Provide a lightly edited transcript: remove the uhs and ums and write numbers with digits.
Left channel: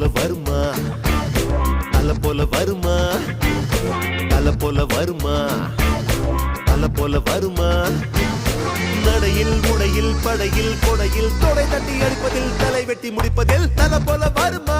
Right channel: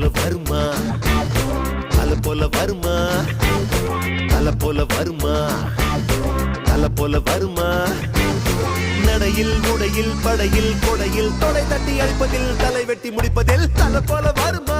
போல வருமா தல போல வருமா தல போல வருமா தல போல வருமா நடையில் உடையில் படையில் கொடையில் தொலை தட்டி அன்பதில் தலை வெட்டி முடிப்பதில் தல போல வருமா